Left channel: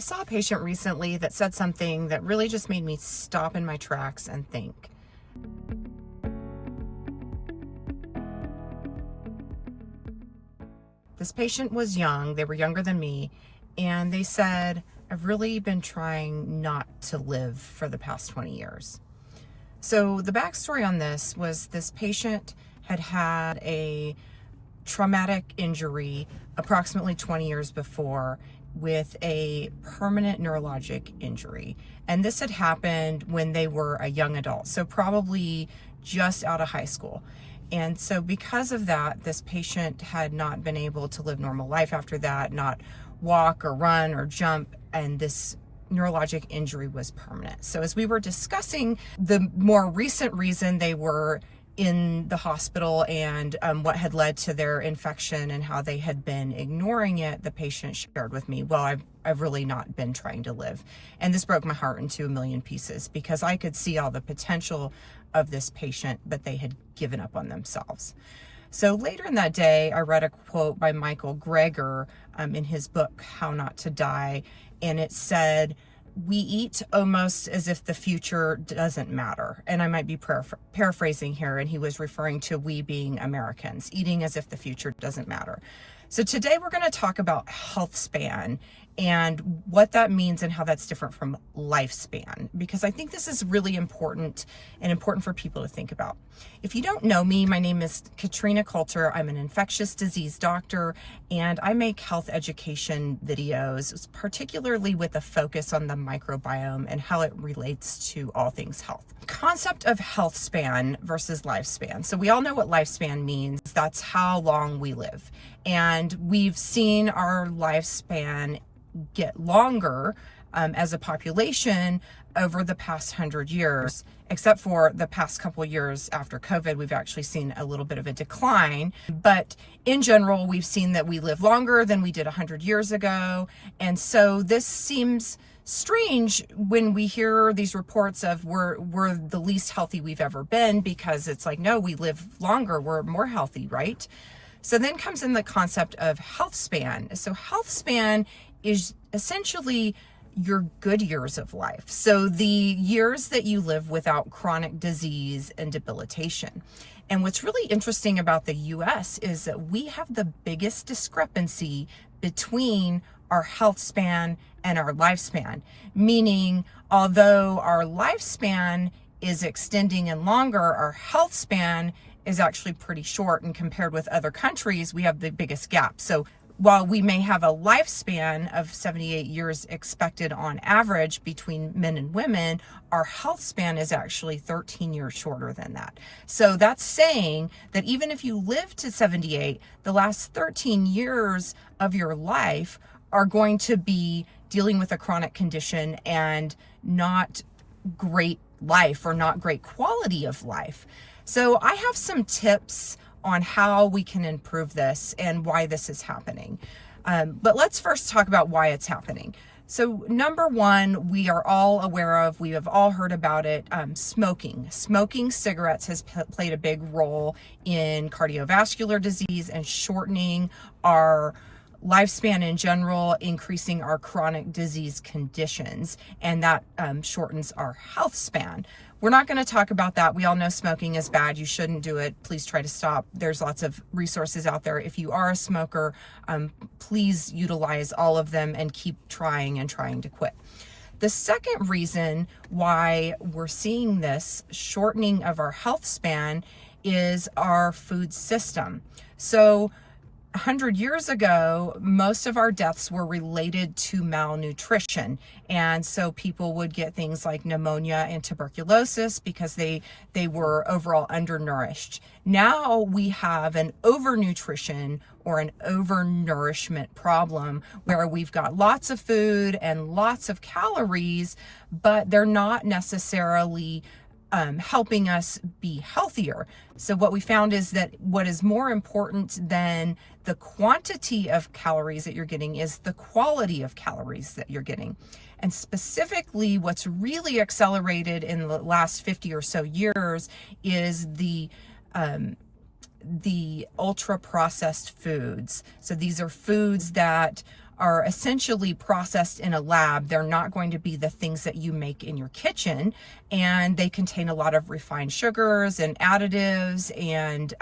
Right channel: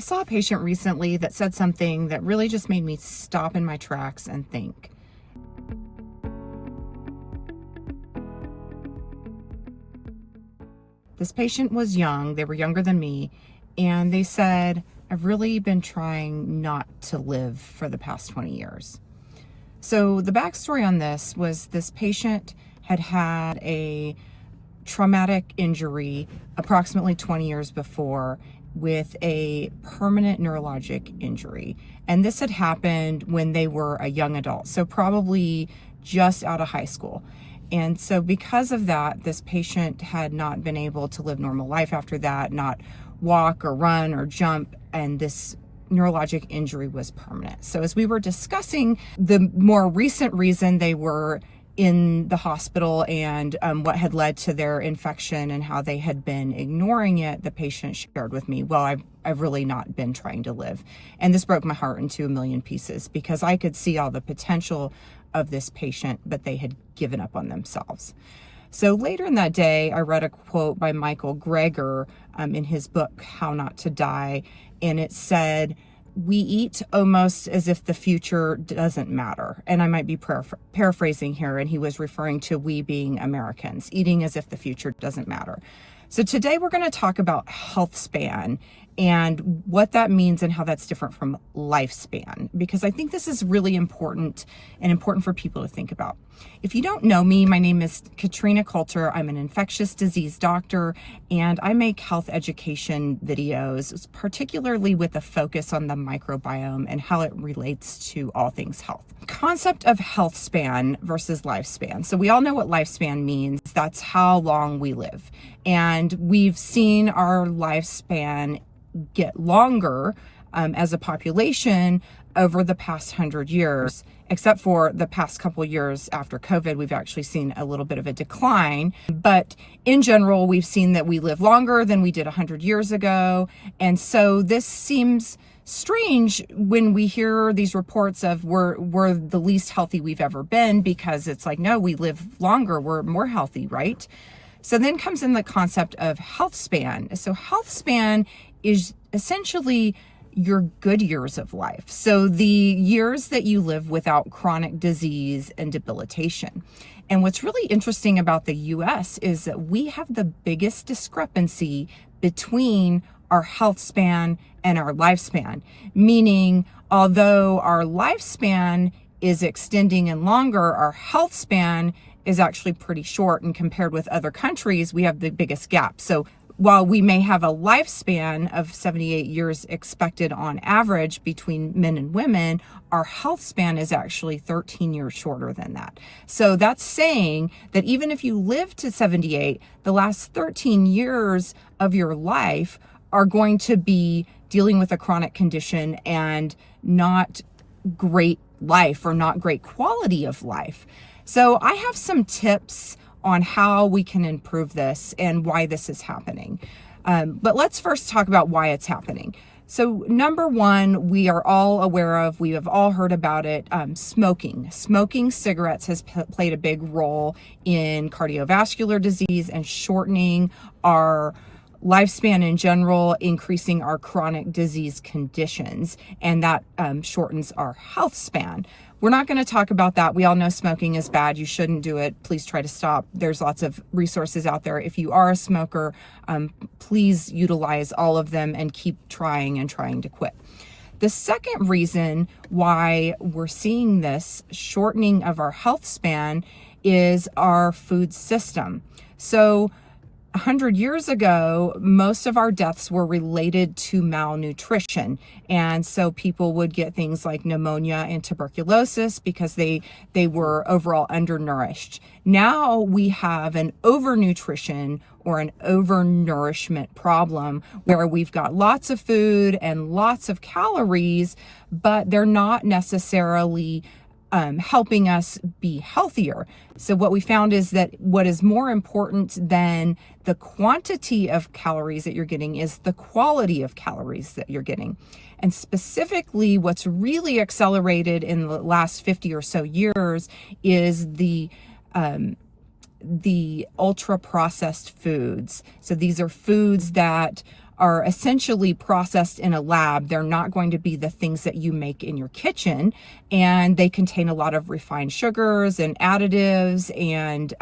saw a patient recently that said something that really just made me stop in my tracks and think. This patient was young, they were younger than me, and they said, I've really been trying not to live for the past 20 years. So the backstory on this was this patient had had a traumatic injury approximately 20 years before with a permanent neurologic injury. And this had happened when they were a young adult, so probably just out of high school. And so because of that, this patient had not been able to live normal life after that, not walk or run or jump, and this neurologic injury was permanent. So as we were discussing the more recent reason they were in the hospital and what had led to their infection and how they had been ignoring it, the patient shared with me, well, I've really not been trying to live. And this broke my heart into a million pieces because I could see all the potential of this patient, but they had given up on themselves. So later in that day, I read a quote by Michael Greger in his book, How Not to Die. And it said, we eat almost as if the future doesn't matter. And I might be paraphrasing here, and he was referring to we being Americans, eating as if the future doesn't matter. So today we're going to talk about Healthspan and what that means and how that's different from lifespan, because I think this is really important and important for people to think about. If you don't know me, my name is Katrina Coulter. I'm an infectious disease doctor, and I make health education videos, particularly with a focus on the microbiome and how it relates to all things health. Concept of health span versus lifespan. So we all know what lifespan means. That's how long we live. And we've seen our lifespan get longer as a population over the past 100 years, except for the past couple years after COVID, we've actually seen a little bit of a decline. But in general, we've seen that we live longer than we did 100 years ago. And so this seems strange when we hear these reports of we're the least healthy we've ever been, because it's like, no, we live longer, we're more healthy, right? So then comes in the concept of health span. So health span is essentially your good years of life. So the years that you live without chronic disease and debilitation. And what's really interesting about the US is that we have the biggest discrepancy between our health span and our lifespan, meaning although our lifespan is extending and longer, our health span is actually pretty short, and compared with other countries, we have the biggest gap. So while we may have a lifespan of 78 years expected on average between men and women, our health span is actually 13 years shorter than that. So that's saying that even if you live to 78, the last 13 years of your life are going to be dealing with a chronic condition and not great life or not great quality of life. So I have some tips on how we can improve this and why this is happening. But let's first talk about why it's happening. So number one, we are all aware of, we have all heard about it, smoking. Smoking cigarettes has played a big role in cardiovascular disease and shortening our lifespan in general, increasing our chronic disease conditions, and that shortens our health span. We're not going to talk about that. We all know smoking is bad. You shouldn't do it. Please try to stop. There's lots of resources out there. If you are a smoker, please utilize all of them and keep trying to quit. The second reason why we're seeing this shortening of our health span is our food system. So 100 years ago, most of our deaths were related to malnutrition. And so people would get things like pneumonia and tuberculosis because they were overall undernourished. Now we have an overnutrition or an overnourishment problem where we've got lots of food and lots of calories, but they're not necessarily helping us be healthier. So what we found is that what is more important than the quantity of calories that you're getting is the quality of calories that you're getting. And specifically, what's really accelerated in the last 50 or so years is the ultra processed foods. So these are foods that are essentially processed in a lab. They're not going to be the things that you make in your kitchen, and they contain a lot of refined sugars and additives and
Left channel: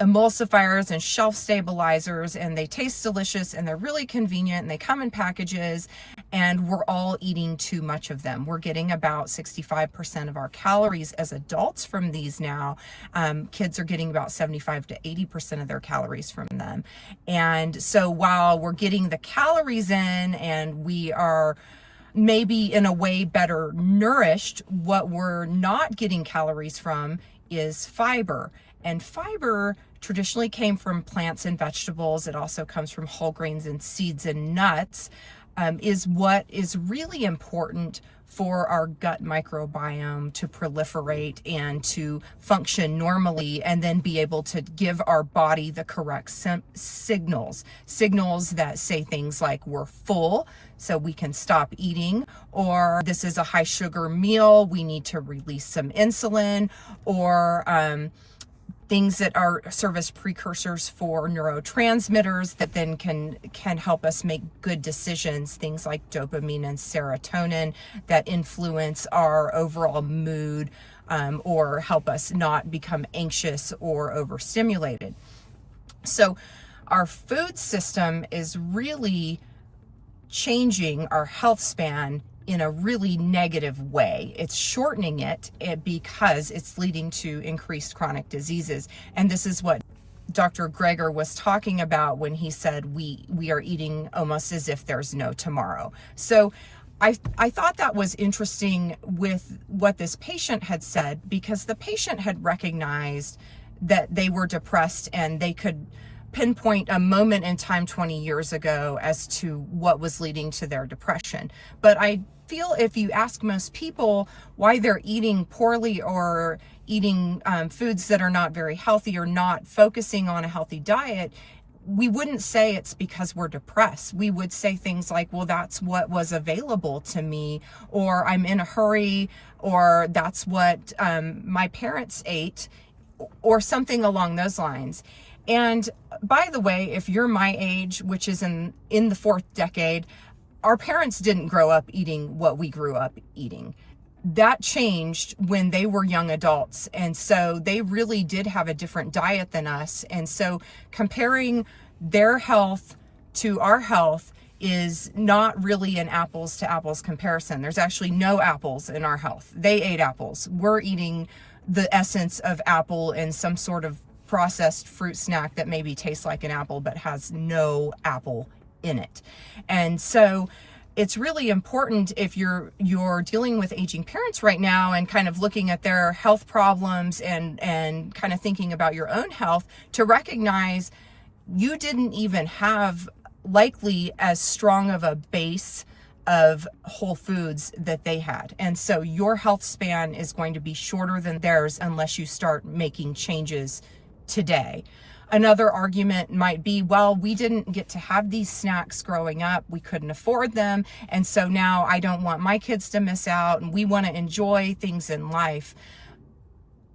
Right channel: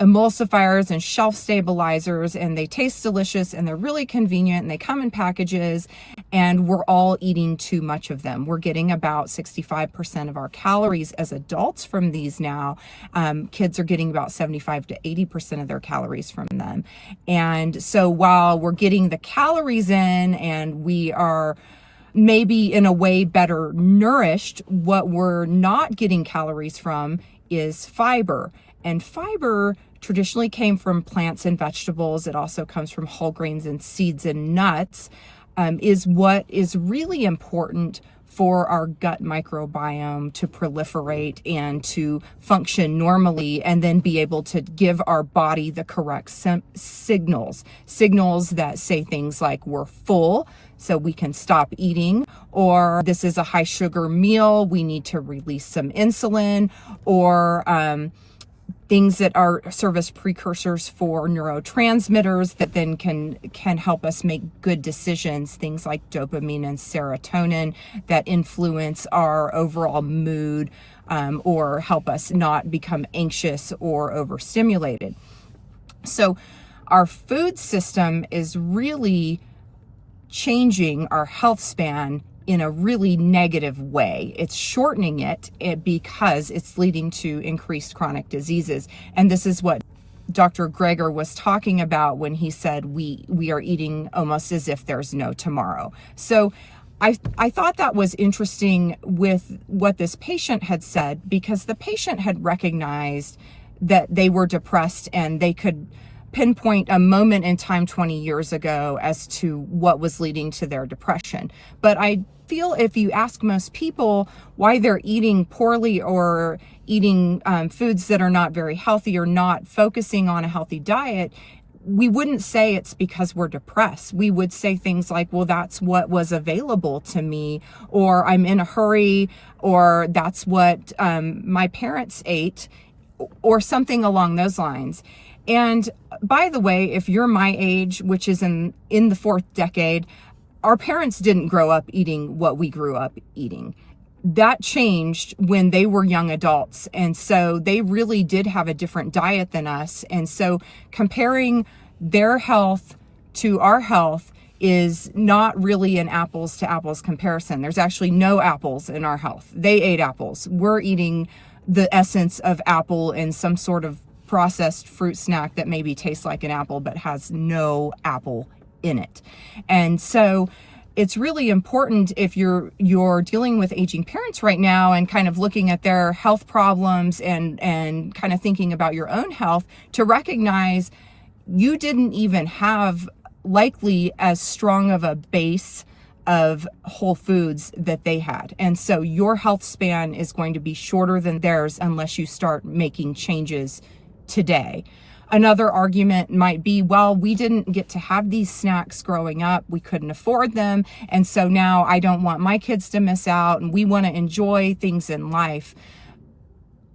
emulsifiers and shelf stabilizers, and they taste delicious and they're really convenient and they come in packages, and we're all eating too much of them. We're getting about 65% of our calories as adults from these now. Kids are getting about 75 to 80% of their calories from them. And so while we're getting the calories in and we are maybe in a way better nourished, what we're not getting calories from is fiber. And fiber traditionally came from plants and vegetables. It also comes from whole grains and seeds and nuts, is what is really important for our gut microbiome to proliferate and to function normally, and then be able to give our body the correct signals that say things like we're full, so we can stop eating, or this is a high sugar meal, we need to release some insulin, or things that serve as precursors for neurotransmitters that then can help us make good decisions, things like dopamine and serotonin that influence our overall mood, or help us not become anxious or overstimulated. So our food system is really changing our health span in a really negative way. It's shortening it because it's leading to increased chronic diseases. And this is what Dr. Greger was talking about when he said we are eating almost as if there's no tomorrow. So I thought that was interesting with what this patient had said, because the patient had recognized that they were depressed and they could pinpoint a moment in time 20 years ago as to what was leading to their depression. But I feel if you ask most people why they're eating poorly or eating foods that are not very healthy or not focusing on a healthy diet, we wouldn't say it's because we're depressed. We would say things like, well, that's what was available to me, or I'm in a hurry, or that's what my parents ate, or something along those lines. And by the way, if you're my age, which is in the fourth decade, our parents didn't grow up eating what we grew up eating. That changed when they were young adults. And so they really did have a different diet than us. And so comparing their health to our health is not really an apples to apples comparison. There's actually no apples in our health. They ate apples. We're eating the essence of apple and some sort of processed fruit snack that maybe tastes like an apple but has no apple in it. And so it's really important, if you're dealing with aging parents right now and kind of looking at their health problems and kind of thinking about your own health, to recognize you didn't even have likely as strong of a base of whole foods that they had. And so your health span is going to be shorter than theirs unless you start making changes today. Another argument might be, well, we didn't get to have these snacks growing up. We couldn't afford them. And so now I don't want my kids to miss out, and we want to enjoy things in life.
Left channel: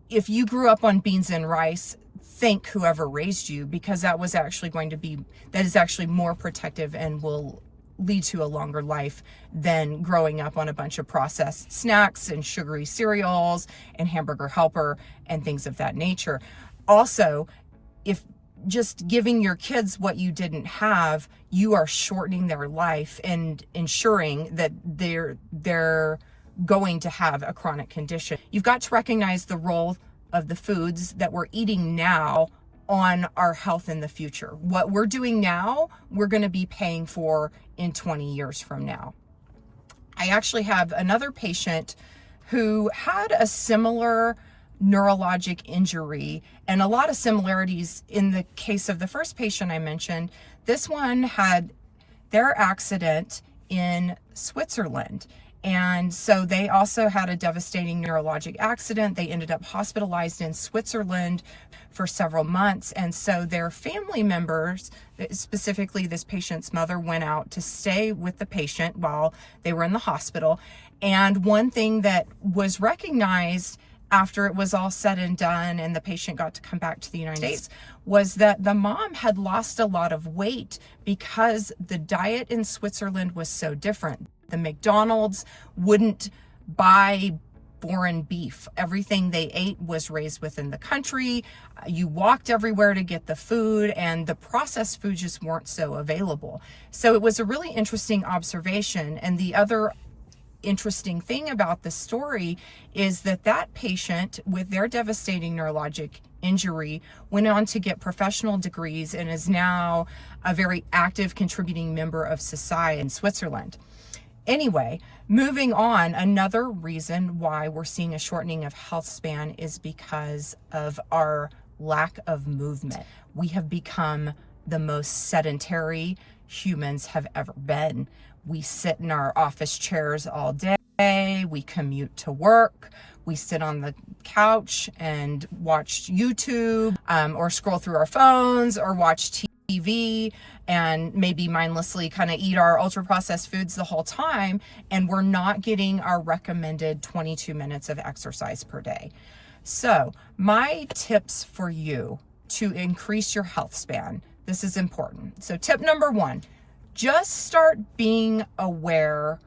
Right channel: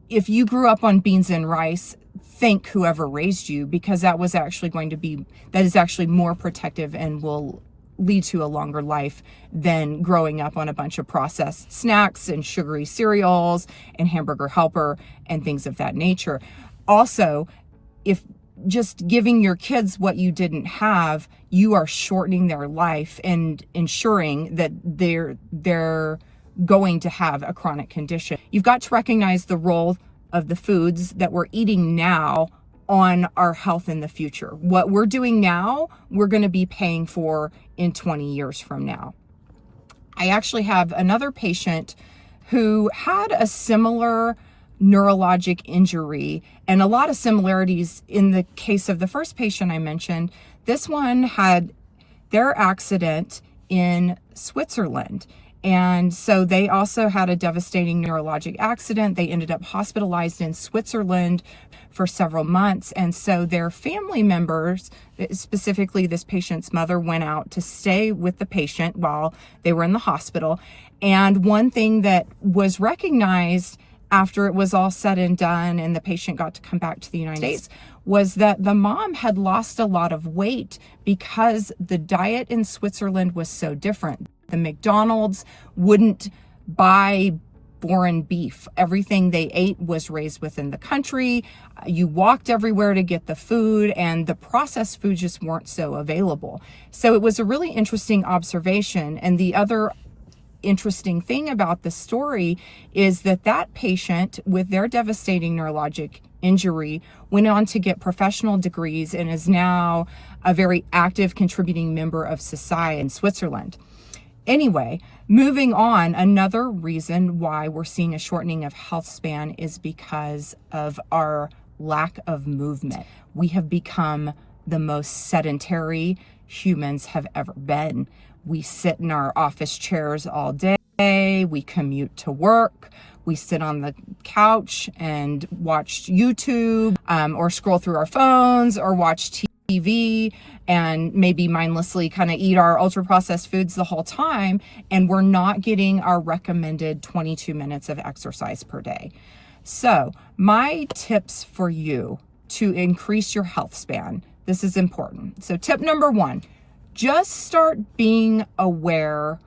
If you grew up on beans and rice, thank whoever raised you, because that is actually more protective and will lead to a longer life than growing up on a bunch of processed snacks and sugary cereals and Hamburger Helper and things of that nature. Also, if just giving your kids what you didn't have, you are shortening their life and ensuring that they're going to have a chronic condition. You've got to recognize the role of the foods that we're eating now on our health in the future. What we're doing now, we're going to be paying for in 20 years from now. I actually have another patient who had a similar neurologic injury and a lot of similarities in the case of the first patient I mentioned. This one had their accident in Switzerland. And so they also had a devastating neurologic accident. They ended up hospitalized in Switzerland for several months. And so their family members, specifically this patient's mother, went out to stay with the patient while they were in the hospital. And one thing that was recognized after it was all said and done and the patient got to come back to the United States, was that the mom had lost a lot of weight because the diet in Switzerland was so different. The McDonald's wouldn't buy foreign beef. Everything they ate was raised within the country. You walked everywhere to get the food, and the processed foods just weren't so available. So it was a really interesting observation. And the other interesting thing about the story is that that patient with their devastating neurologic injury went on to get professional degrees and is now a very active contributing member of society in Switzerland. Anyway, moving on, another reason why we're seeing a shortening of health span is because of our lack of movement. We have become the most sedentary humans have ever been. We sit in our office chairs all day, we commute to work, we sit on the couch and watch YouTube, or scroll through our phones or watch TV and maybe mindlessly kind of eat our ultra processed foods the whole time, and we're not getting our recommended 22 minutes of exercise per day. So my tips for you to increase your health span, this is important. So tip number 1, just start being aware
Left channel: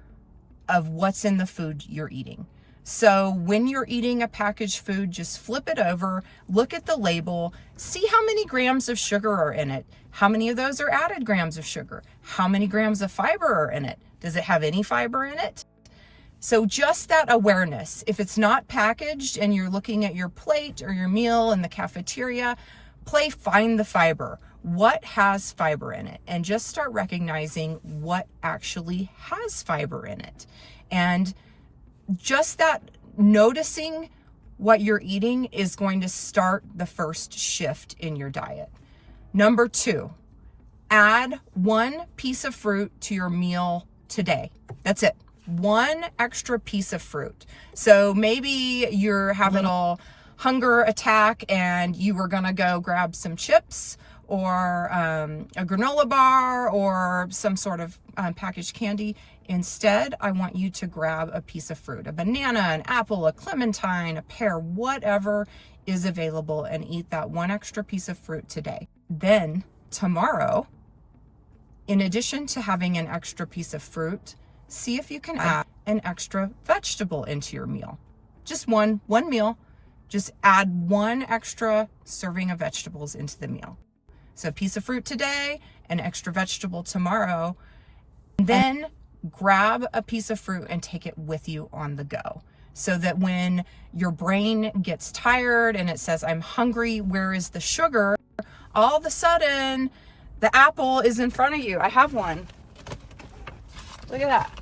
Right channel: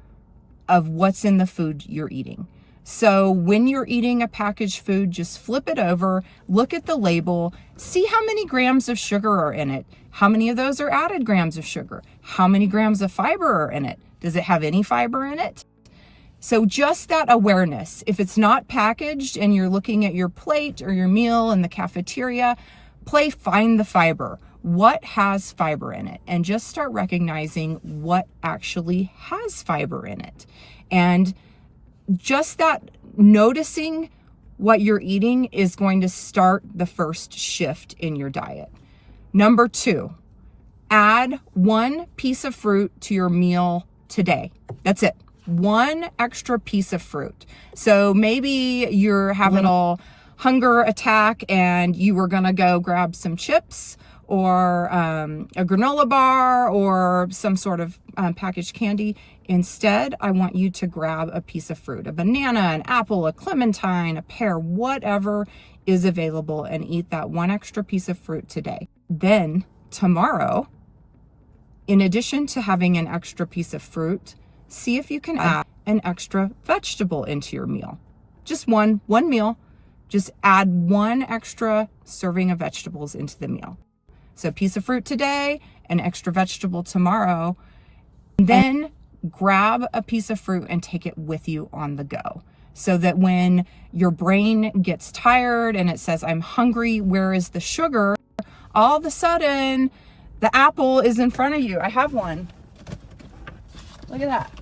of what's in the food you're eating. So when you're eating a packaged food, just flip it over, look at the label, see how many grams of sugar are in it. How many of those are added grams of sugar? How many grams of fiber are in it? Does it have any fiber in it? So just that awareness. If it's not packaged and you're looking at your plate or your meal in the cafeteria, find the fiber. What has fiber in it? And just start recognizing what actually has fiber in it. And just that noticing what you're eating is going to start the first shift in your diet. Number 2, add 1 piece of fruit to your meal today. That's it. 1 extra piece of fruit. So maybe you're having a hunger attack and you were going to go grab some chips or a granola bar or some sort of packaged candy. Instead, I want you to grab a piece of fruit, a banana, an apple, a clementine, a pear, whatever is available, and eat that 1 extra piece of fruit today. Then tomorrow, in addition to having an extra piece of fruit, see if you can add an extra vegetable into your meal. Just one meal, just add 1 extra serving of vegetables into the meal. So a piece of fruit today, an extra vegetable tomorrow. Then grab a piece of fruit and take it with you on the go, so that when your brain gets tired and it says, I'm hungry, where is the sugar? All of a sudden, the apple is in front of you. I have one. Look at that.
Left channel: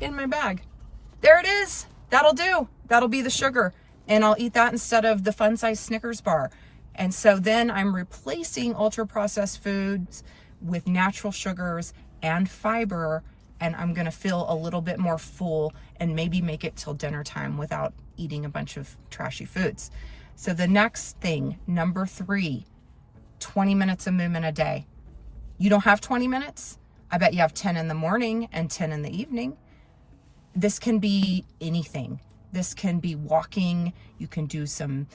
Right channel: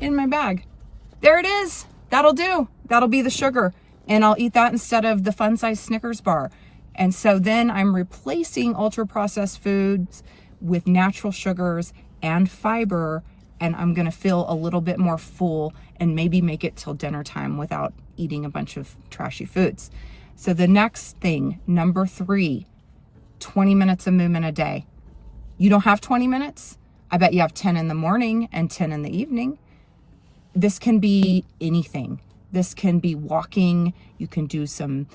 In my bag. There it is. That'll do. That'll be the sugar. And I'll eat that instead of the fun size Snickers bar. And so then I'm replacing ultra processed foods with natural sugars and fiber, and I'm going to feel a little bit more full and maybe make it till dinner time without eating a bunch of trashy foods. So the next thing, number 3, 20 minutes of movement a day. You don't have 20 minutes? I bet you have 10 in the morning and 10 in the evening. This can be anything. This can be walking. You can do some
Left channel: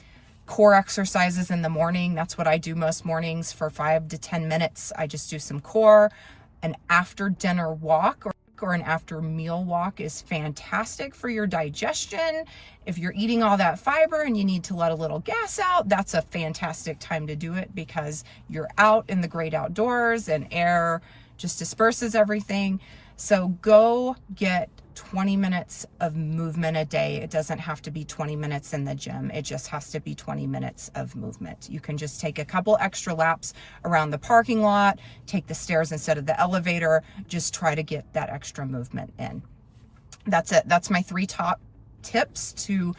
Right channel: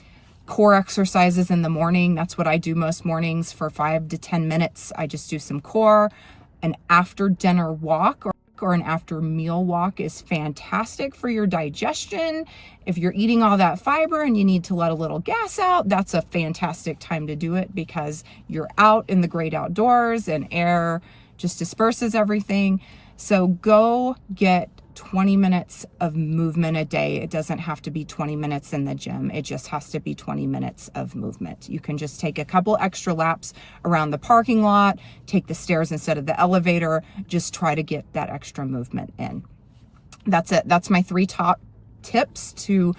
core exercises in the morning. That's what I do most mornings for 5 to 10 minutes. I just do some core. An after dinner walk or an after meal walk is fantastic for your digestion. If you're eating all that fiber and you need to let a little gas out, that's a fantastic time to do it, because you're out in the great outdoors and air just disperses everything. So go get 20 minutes of movement a day. It doesn't have to be 20 minutes in the gym. It just has to be 20 minutes of movement. You can just take a couple extra laps around the parking lot, take the stairs instead of the elevator, just try to get that extra movement in. That's it. That's my 3 top tips to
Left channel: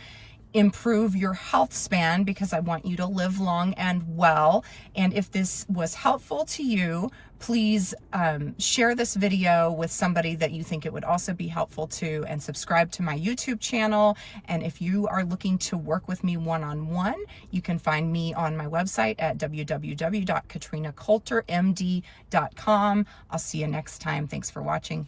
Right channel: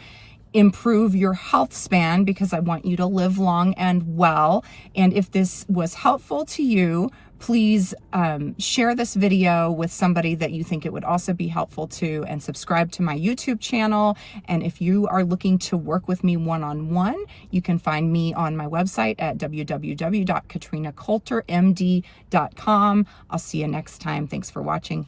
improve your health span, because I want you to live long and well. And if this was helpful to you, please share this video with somebody that you think it would also be helpful to, and subscribe to my YouTube channel. And if you are looking to work with me one-on-one, you can find me on my website at www.katrinacoultermd.com. I'll see you next time. Thanks for watching.